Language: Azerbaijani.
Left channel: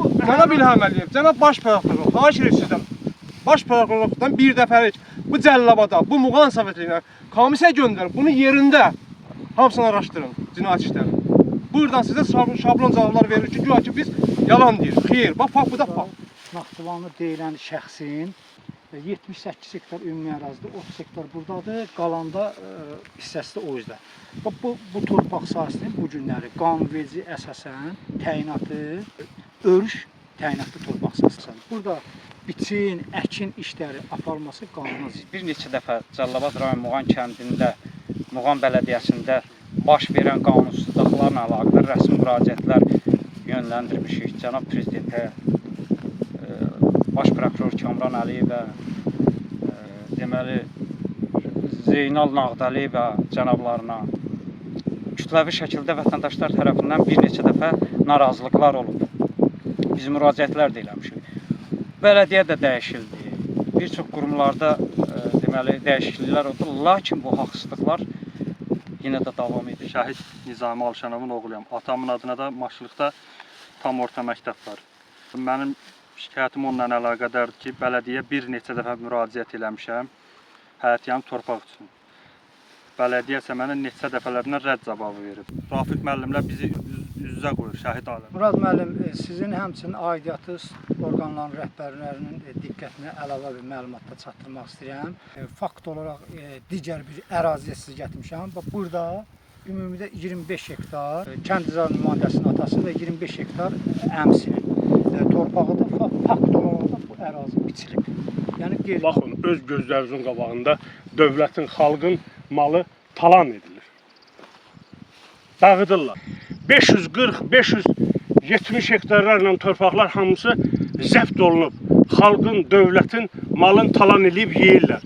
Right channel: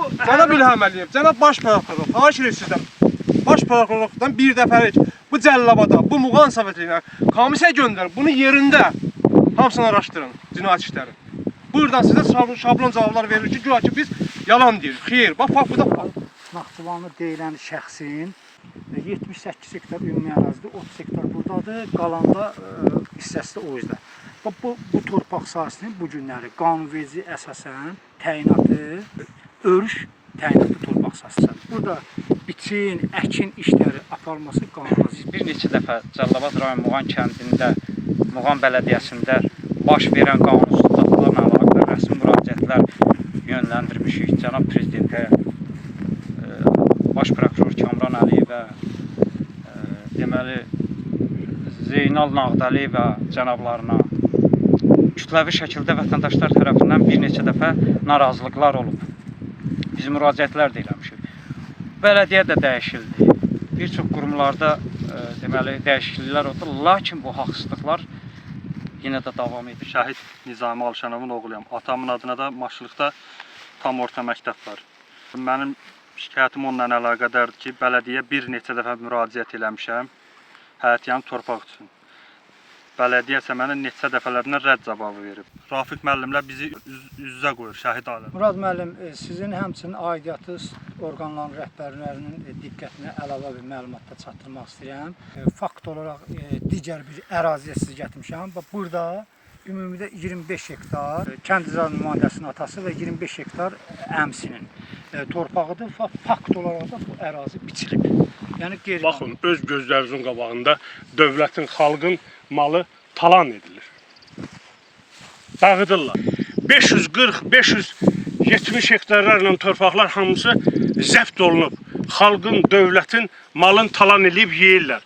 Cənab İlham Əliyev, cənab baş prokuror, xahiş edir sizdən. Baş prokurorluqdan bir dəfəlik bu cəllabada, bu Muğan Sovetliyinə komissiya göndərin. Bunu yerində hamısını araşdırın, cinayət işlərini. Buradan sizə şablon cavablar verilir ki, güya ki biz yalan deyirik. Xeyr, bax bu da fakt. Naxçıvanlı deyilən şəxsin 78 hektar ümumi ərazidə, 30 hektar buradadır, qalanda hissəsi də o yüzden. Bu torpaq sahəsinin bu günləri qanunverici əsasən təyinatı, örüş təyinatlı torpaq sahəsidir. Burada biçin, əkin işləri aparılması qanuna zidd. Bir neçə dəfə Cəlilabad rayon Muğan kəndində, Muğan bələdiyyəsində baş verən qanunsuzluqlarla əlaqədar rəsmi müraciətlər yönləndirmişik. Cənab Prezidentə, Baş prokuror Kamran Əliyevə, deməli Zeynal Nağdəliyevə cənablarına kütləvi şəkildə vətəndaşlar tərəfindən bir neçə dəfə narazılıqlar olub. Biz müraciətlər də eləmişik. Bələdiyyə də dəyişildi. Bir çox qurumlarda deməli dəyişikliklər oldu. Lakin bu haqsızlıqlar yenə də davam edir. Şəhid Nizami Alşanovun oğluyam. Atamın adına da maşılıqda tam orta məktəb var. Mənim şikayətim onunla əlaqədardır ki, bələdiyyə bir neçə dəfə müraciət eləmişəm həyətyanı torpaq üçün. Bələdiyyə isə mənə neçə dəfələrdən rədd cavabı verib. Rafiq müəllimlə bizi üz-üzə qoyur, şəhid aləm. Murad müəllim, sizin həmçinin aidiyyatı orqanların rəhbərlərinin diqqətinə əlavə bir məlumatda çatdırmaq istəyirəm. Fakt olaraq digər bir əraziyə sizi gətirmişəm. Burada ümumidə 25 hektar kənd icra nümayəndəsinin atası və 25 hektar əmsinin torpağıdır. Fakt olaraq da bu ərazi biçilib. Yəni baxın, öz gözlərinizin qabağında dövlətin, xalqın malı talan edilir. Dağıdırlar. 540-570 hektarlarla torpaqlar hamısı zəbt olunub. Xalqın, dövlətin malını talan edib yeyirlər.